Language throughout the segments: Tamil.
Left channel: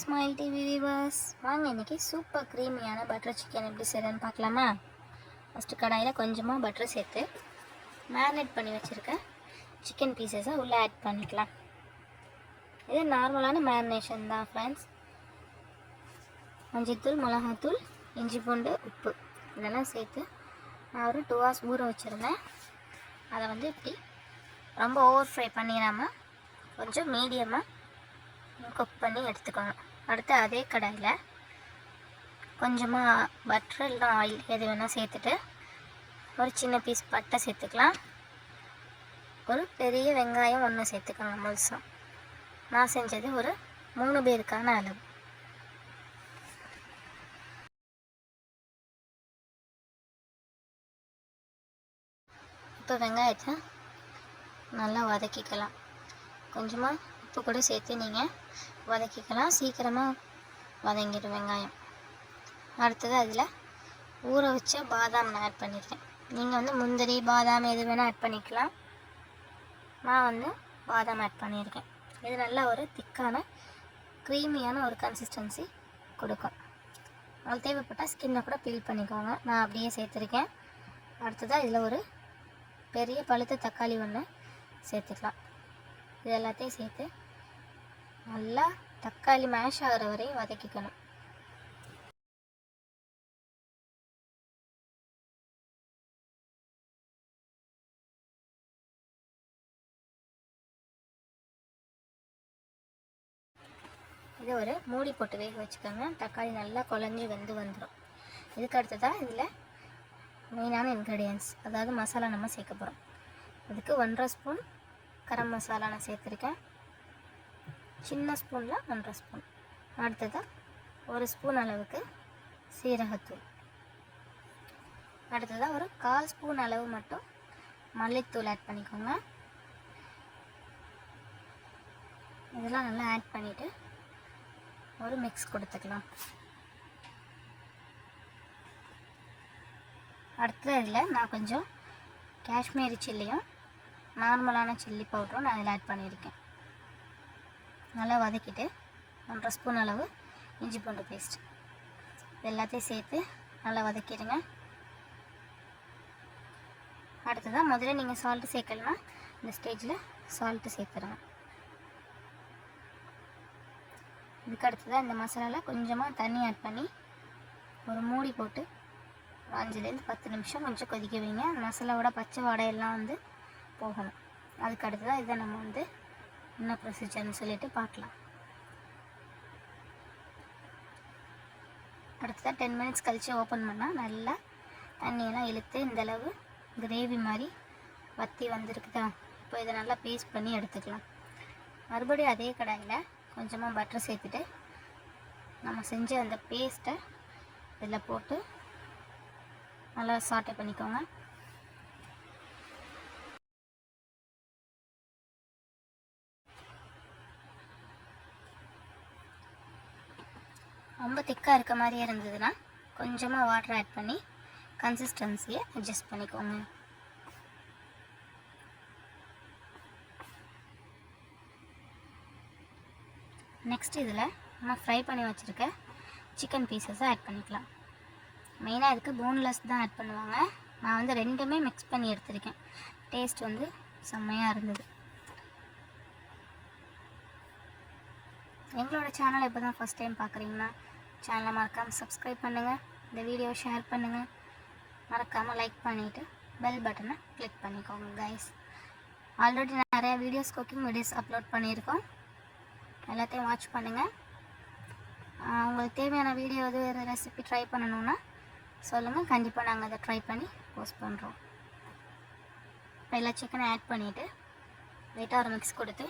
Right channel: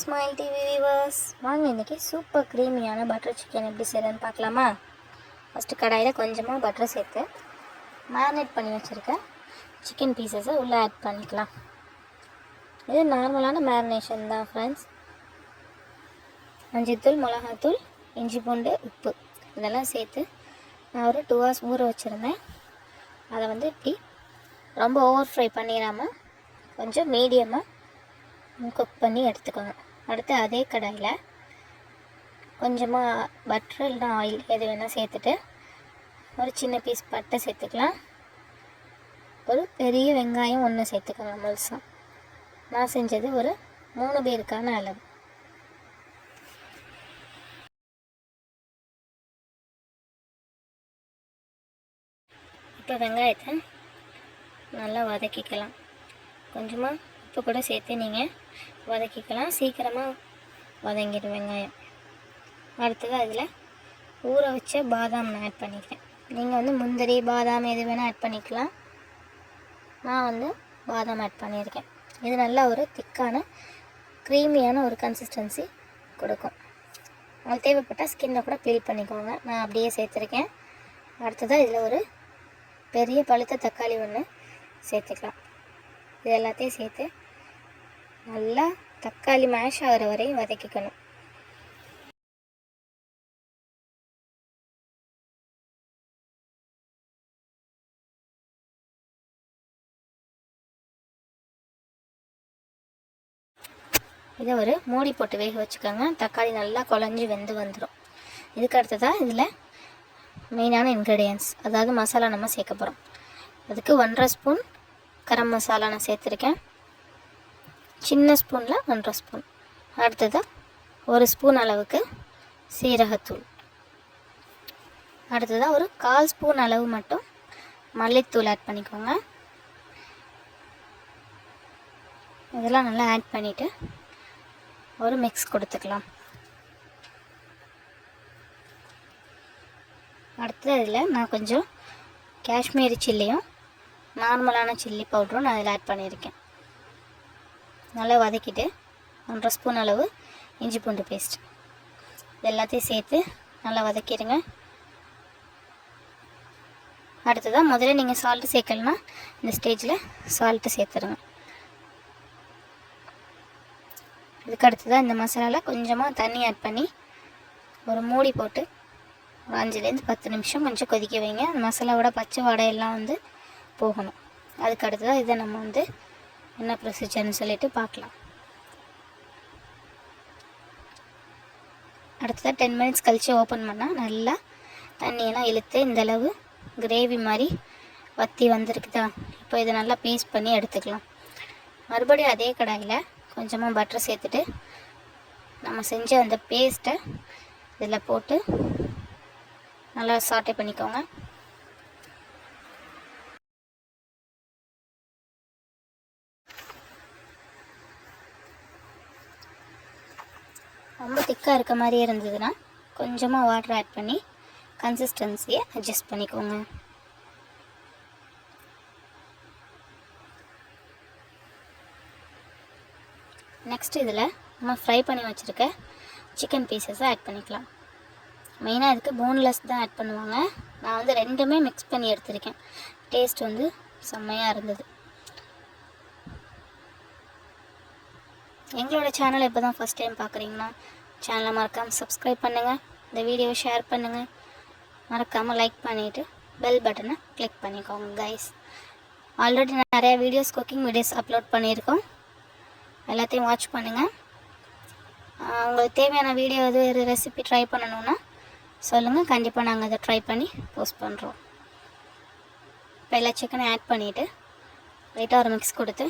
ஸ்மைல் டிவி வியூவர்ஸ், வாங்க இன்றைக்கி சூப்பர் க்ரீமியான பட்டர் சிக்கன் எப்படி செய்யறதுன்னு பார்க்கலாமா. ஃபஸ்ட்டு கடாயில் கொஞ்சமாக பட்டர் சேர்த்து மேரினேட் பண்ணி வச்சுருக்கேன் சிக்கன் பீசஸை உள்ளே ஆட் பண்ணிக்கலாம். இது நார்மலான மேரினேஷன் தான் ஃப்ரெண்ட்ஸ். மஞ்சள்தூள், மிளகாத்தூள், இஞ்சி பூண்டு, உப்பு இதெல்லாம் சேர்த்து நான் ஒரு 2 hours ஊற வச்சுருந்தேன். அதை இப்படி ரொம்ப ஓவர் ஃப்ரை பண்ணிடாமல் கொஞ்சம் மீடியமாக குக் பண்ணி எடுத்துக்கோங்க. அடுத்து அதே கடாயில் கொஞ்சமாக பட்டர் இல்லைனா ஆயில் எது வேணால் சேர்த்துட்டு ஒரு சின்ன பீஸ் பட்டை சேர்த்துக்கலாம். ஒரு பெரிய வெங்காயம் 1 சேர்த்துக்கோங்க முழுசாக. நான் செஞ்சது ஒரு 3 பேருக்கான அளவு. இப்போ வெங்காயத்தை நல்லா வதக்கிக்கலாம். கொஞ்சமாக உப்பு கூட சேர்த்து நீங்கள் வதக்கிக்கலாம். சீக்கிரமாக வதங்கிடும் வெங்காயம். அடுத்தது அதில் ஊற வச்ச பாதாம் நான் ஆட் பண்ணிக்கிறேன். நீங்கள் முந்திரி, பாதாம் எது வேணால் ஆட் பண்ணிக்கலாம். நான் பாதாம் ஆட் பண்ணியிருக்கேன். இது நல்லா ஒரு திக்கான க்ரீமியான ஒரு கன்சிஸ்டன்சி கொடுக்கும். அது தேவைப்பட்டால் ஸ்கின்னை கூட பீல் பண்ணிக்கோங்க. நான் அப்படியே சேர்த்துருக்கேன். அடுத்ததாக இதில் ஒரு பெரிய பழுத்த தக்காளி 1 சேர்த்துக்கலாம். இது எல்லாத்தையும் சேர்த்து நல்லா தக்காளி மேஷ் ஆகிற வரையும் வதக்கிக்கணும். இதை ஒரு மூடி போட்டு வேக வச்சுக்கோங்க. தக்காளி நல்லா குழஞ்சி வெந்து வந்துடும். இதுக்கு அடுத்ததாக இதில் மெயினான இன்க்ரீடியன்ஸ், அதாவது மசாலா நம்ம சேர்க்க போகிறோம். அதுக்கு 1.5 ஸ்பூன் கரம் மசாலா நான் சேர்த்துருக்கேன். சின்ன ஸ்பூனில் 1.5 ஸ்பூன். அடுத்ததாக 1 ஸ்பூன் அளவுக்கு சீரகத்தூள். அடுத்ததாக ஒரு 1/4 ஸ்பூன் அளவு மட்டும் மல்லித்தூள் ஆட் பண்ணிக்கோங்க. இதெல்லாம் நல்லா ஆட் பண்ணிவிட்டு ஒரு மிக்ஸ் கொடுத்துக்கலாம். அடுத்தது இதில் நான் கொஞ்சம் காஷ்மீரி சில்லியும் நார்மலான சில்லி பவுடரும் நான் அதில் ஆட் பண்ணியிருக்கேன். நல்லா வதக்கிட்டு 1.5 ஸ்பூன் அளவு இஞ்சி பூண்டு பேஸ்ட் இது எல்லாத்தையும் சேர்த்து நல்லா வதக்கிடுங்க. அடுத்ததாக முதல்ல நீங்கள் சால்ட்டு சேர்க்கலன்னா இந்த ஸ்டேஜில் சால்ட்டு சேர்த்துருங்க. இதுக்கு அடுத்ததாக இந்த மசாலாவில் கொஞ்சமாக தண்ணி ஆட் பண்ணி ஒரு மூடி போட்டு 5லேருந்து 10 நிமிஷம் கொஞ்சம் கொதிக்க வைங்க. அந்த மசாலாவோட பச்சை வாடையெல்லாம் போகணும். அதுக்கு அடுத்ததாக இதை நம்ம என்ன ப்ரொசீஜர்னு சொல்லிட்டு பார்க்கலாம். அடுத்ததாக 10 மினிட்ஸ் கழித்து ஓப்பன் பண்ணால் நல்லா தண்ணியெல்லாம் இழுத்து இந்தளவு கிரேவி மாதிரி வற்றி வந்திருக்குதா. இப்போ இதை நல்லா பேஸ்ட் பண்ணி எடுத்துக்கலாம். மறுபடியும் அதே கடாயில் கொஞ்சமாக பட்டர் சேர்த்துட்டு நம்ம செஞ்ச அந்த பேஸ்ட்டை இதில் போட்டு நல்லா சாட்டே பண்ணிக்கோங்க. ரொம்ப திக்காக இருக்க மாதிரி இருந்ததுன்னா கொஞ்சமாக வாட்டர் ஆட் பண்ணி கன்சிஸ்டன்சியை அட்ஜஸ்ட் பண்ணிக்கோங்க. நெக்ஸ்ட் இதில் நம்ம ஃப்ரை பண்ணி வச்சுருக்க சிக்கன் பீசஸை ஆட் பண்ணிக்கலாம். மெயினாக இதுக்கு போன்லெஸ் தான் ஆட் பண்ணுவாங்க. நான் 2மே மிக்ஸ் பண்ணி எடுத்திருக்கேன். டேஸ்ட் செம்மையாக இருந்தது. எங்களோட சேனலை இப்போ தான் ஃபஸ்ட் டைம் பார்க்குறீங்கன்னா சேனலை மறக்காமல் சப்ஸ்கிரைப் பண்ணுங்கள். இந்த வீடியோவை ஷேர் பண்ணுங்கள். மறக்காமல் லைக் பண்ணிவிட்டு பெல் பட்டனை கிளிக் பண்ணிக்கோங்க கைஸ். ஆல்ரெடி நிறையா வீடியோஸ், குக்கிங் வீடியோஸ் அப்லோட் பண்ணியிருக்கோம். எல்லாத்தையும் வாட்ச் பண்ணுங்கள். உங்களுக்கு தேவையான வீடியோ வேறு ரெசிபி ட்ரை பண்ணணுன்னா சொல்லுங்கள். கண்டிப்பாக நாங்கள் அதை ட்ரை பண்ணி போஸ்ட் பண்ணுறோம். இப்போ எல்லா சிக்கனை ஆட் பண்ணிவிட்டு லைட்டாக ஒரு மிக்ஸ் கொடுத்து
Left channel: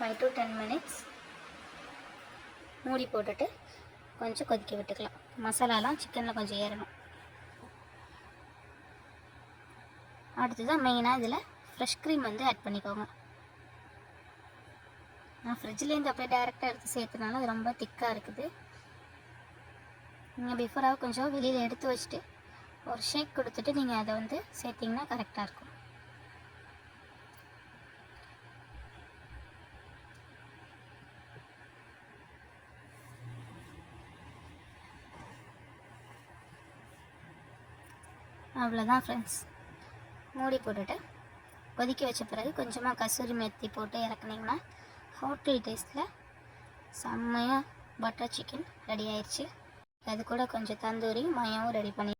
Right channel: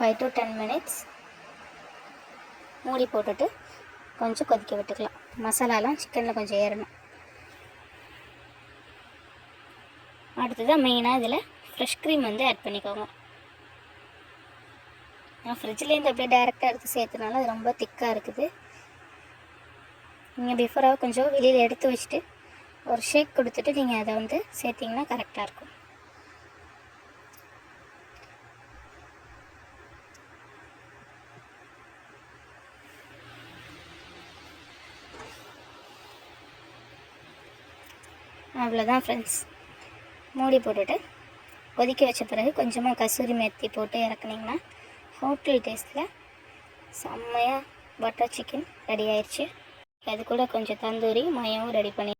5 to 10 மினிட்ஸ் மூடி போட்டுட்டு கொஞ்சம் கொதிக்க விட்டுக்கலாம். மசாலாலாம் சிக்கனில் கொஞ்சம் ஏறணும். அடுத்ததாக மெயினாக இதில் ஃப்ரெஷ் க்ரீம் ஆட் பண்ணிக்கோங்க. நான் ஃப்ரிட்ஜ்லேருந்து அப்படியே டைரெக்டாக எடுத்து சேர்த்துனால அது ரொம்ப திக்காக இருக்குது. நீங்கள் பிஃபோராக கொஞ்சம் வெளியில் எடுத்து வச்சுட்டு ஒரு ஷேக் கொடுத்துட்டு நீங்கள் அதை சேர்த்திங்கன்னா கரெக்டாக இருக்கும். அவ்வளோதான் ஃப்ரெண்ட்ஸ். மூடி போட்டுட்டு கொதிக்க வச்ச பிறகு கொஞ்சமாக கசூரி மேத்தி போட்டு இறக்குனிங்கன்னா ஹோட்டல் டேஸ்ட்டில் செம்மையாக பட்டர் சிக்கன் ரெடி ஆயிடுச்சு. அது கூட கொஞ்சம் தந்தூரி மயாவும் ரெடி பண்ணி